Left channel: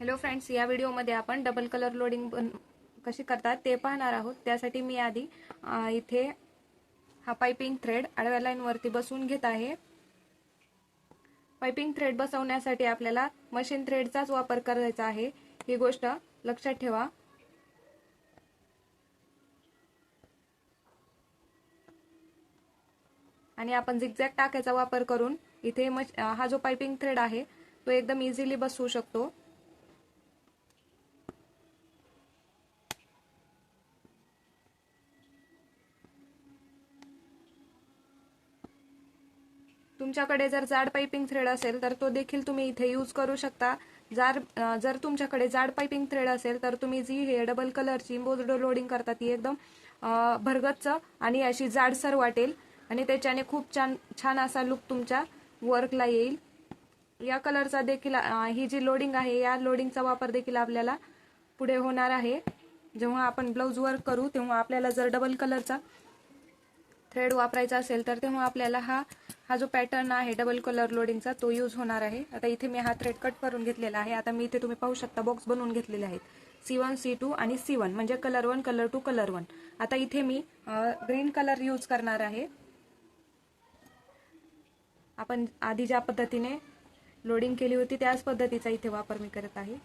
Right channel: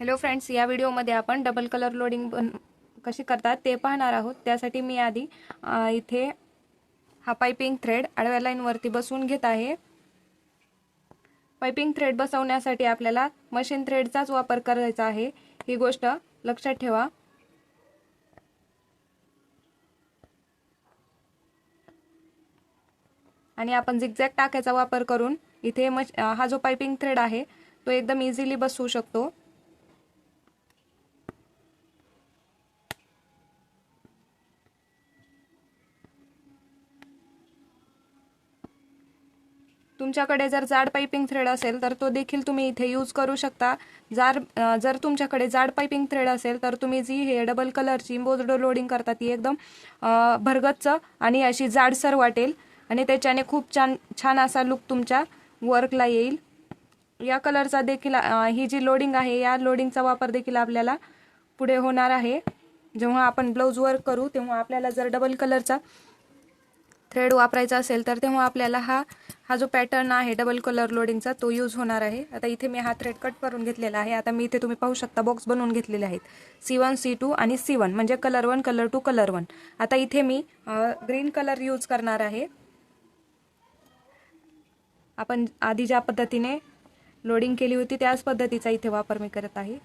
Hello friends, या व्हिडिओमध्ये आपण डबल कलर लोडिंग कशी करतात ते पाहणार आहोत। त्यासाठी मी आधी इथे हा पाइपिंग थ्रेड आडव्या लाईनवरती बसवून घेत आहे। पाइपिंग थ्रेड बसवण्यासाठी आपल्याला मशीन थ्रेडचाच वापर करायचा आहे, ही गोष्ट लक्षात ठेवा। आणि आपण झिगझॅग टाक्याचा वापर करून इथे हा जो पाइपिंग थ्रेड आहे तो एकदम इझिली बसवू शकतो। तुमच्याकडे जर जाड पाइपिंग थ्रेड असेल तर तो देखील तुम्ही इथे यूज करू शकता। जर तुमच्याकडे जाड पाइपिंग थ्रेड असेल तर तुम्ही जी हे डबल कलरची एम्बोस्ड लोडिंग करता ती एकदम भरगच्च आणि अशी जाडसर वाटेल आणि त्याच्याने खूप छान असा लुक तुमच्या वर्कला येईल। या कलरचा देखील ही जी लोडिंग आहे या लोडिंगचा वापर देखील आपल्याला पुढे होणार आहे। जेव्हा आपण ब्लाउज वर्क करू तेव्हा आपल्याला जर डबल कलरचा थ्रेड वापरायचा असेल तर तेव्हा आपल्याला हा जो पॅटर्न आहे डबल कलर लोडिंगचा तो यूज होणार आहे। आता इथे मी हा थ्रेड कट करून घेतलेला आहे। आता मी इथे तुम्ही पाहू शकता बॉक्स बनवून घेतलेले आहेत C1 C2 आणि C1 म्हणजे कलर 1 कलर 2 कलर 1। आता इथे मी ग्रीन कलर यूज करणार आहे। आपण आधी ज्या पद्धतीने लोडिंग केली होती त्याच पद्धतीचा इथे वापर मी करत आहे।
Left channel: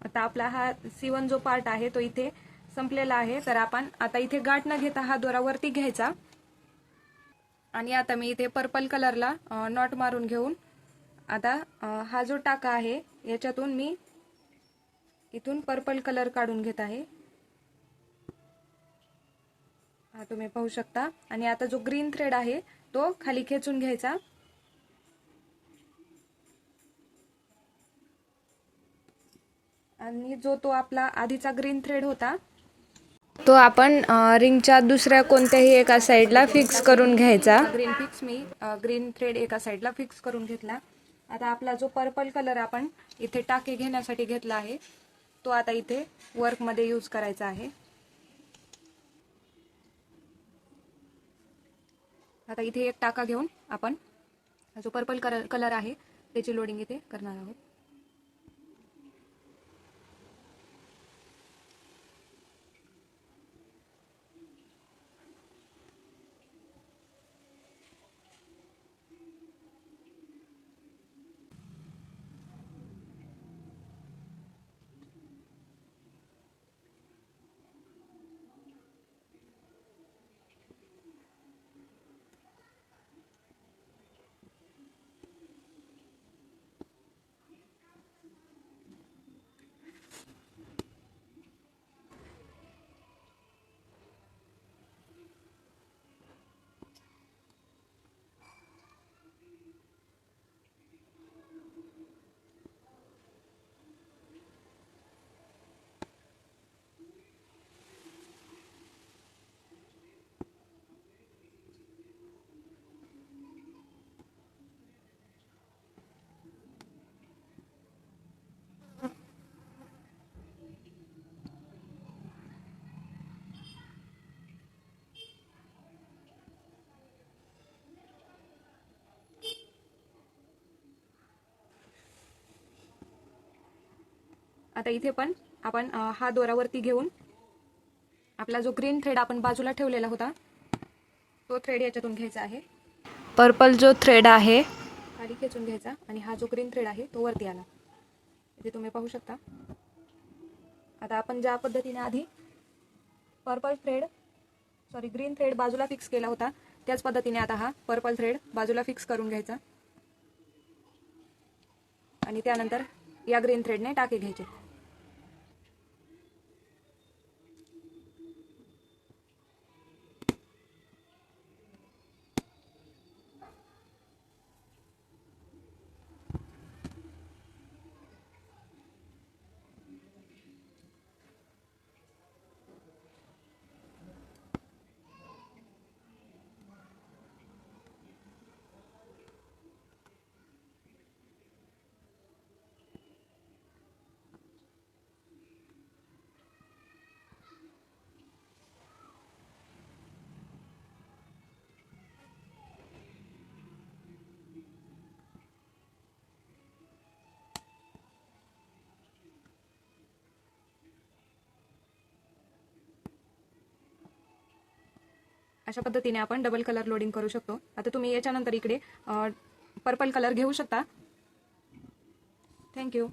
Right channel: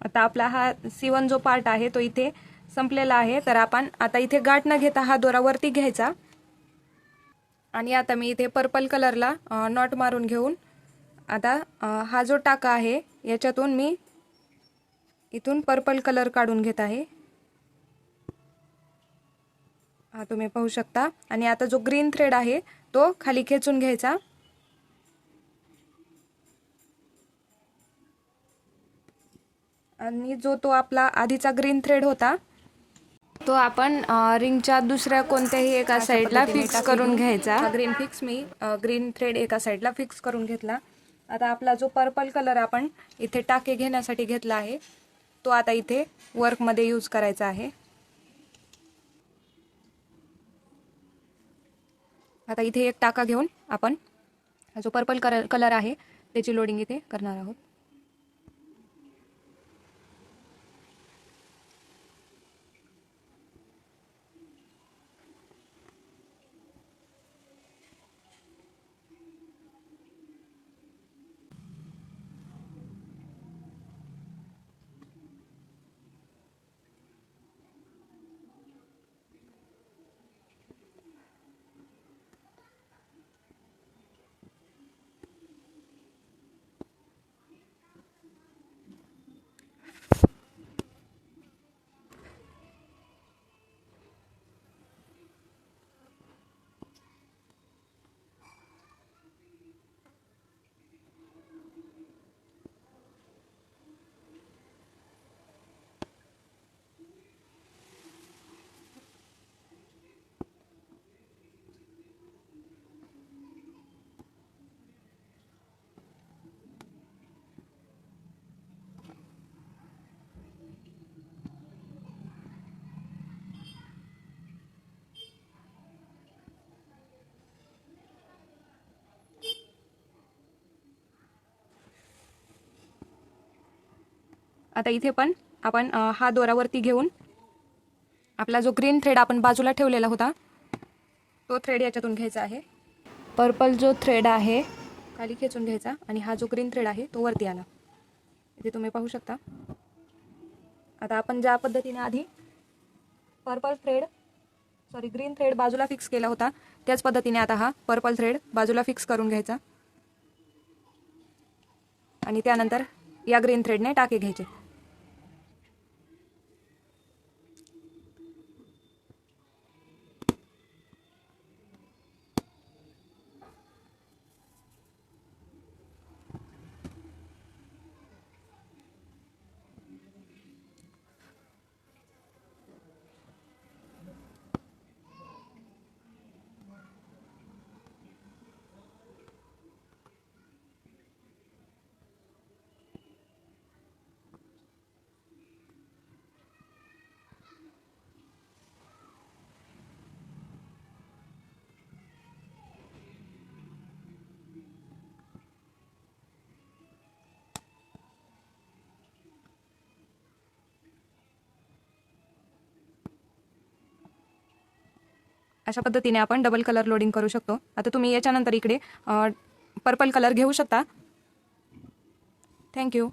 आता आपला हा C1 जो पार्ट आहे तो इथे संपलेला आहे। तर आपण आता इथे गाठ न घेता हा दोरा वरती घ्यायचा आणि आता मी इथे पर्पल कलरला नॉट मारून घेऊन आता हा जो टाका आहे याच्यातून मी इथून पर्पल कलर काढून घेत आहे। हा तुम्ही पाहू शकता। आणि आता जो ग्रीन थ्रेड आहे तो खाली खेचून घ्यायचा आणि जो तो आपला आधीचा ग्रीन थ्रेड होता तो आपण रिंगच्या दुसऱ्या कोणत्याही एका साईडला फिक्स करून घ्यायचा। ग्रीन थ्रेड एका साईडला फिक्स करून घेतला। आता आपला जो पर्पल कलर आपण इथे टाके घेण्यासाठी घेतला आहे तो आता इथे वर्क मध्ये यूज करायचा आहे। आता इथे एक टाका घेऊन आपण जो पर्पल कलर आहे त्याची लोडिंग इथे करणार आहोत। आता इथे पण आपण हा दोरावरती घेऊन आपला जो ग्रीन थ्रेड आपण बाजूला ठेवलेला होता तो थ्रेड याच्यातून घ्यायचा आहे. पर्पल जो थ्रेड आहे खाली खेचून घ्यायचा आणि हा जो ग्रीन थ्रेड आहे तो वरती आणा. इथे तुम्ही पाहू शकता. आता आपण ज्या पद्धतीने आधी ग्रीन थ्रेड बाजूला फिक्स केला होता त्याच पद्धतीने आता हा पर्पल थ्रेड बाजूला फिक्स करून घ्यायचा आणि त्यानंतर या ग्रीन थ्रेडने टाके घ्यायचे. अशा पद्धतीने आपण डबल कलर लोडिंग करू शकतो. आता तुम्ही याच्यानंतर इकडे पर्पल कलर घेऊ शकता. थँक्यू.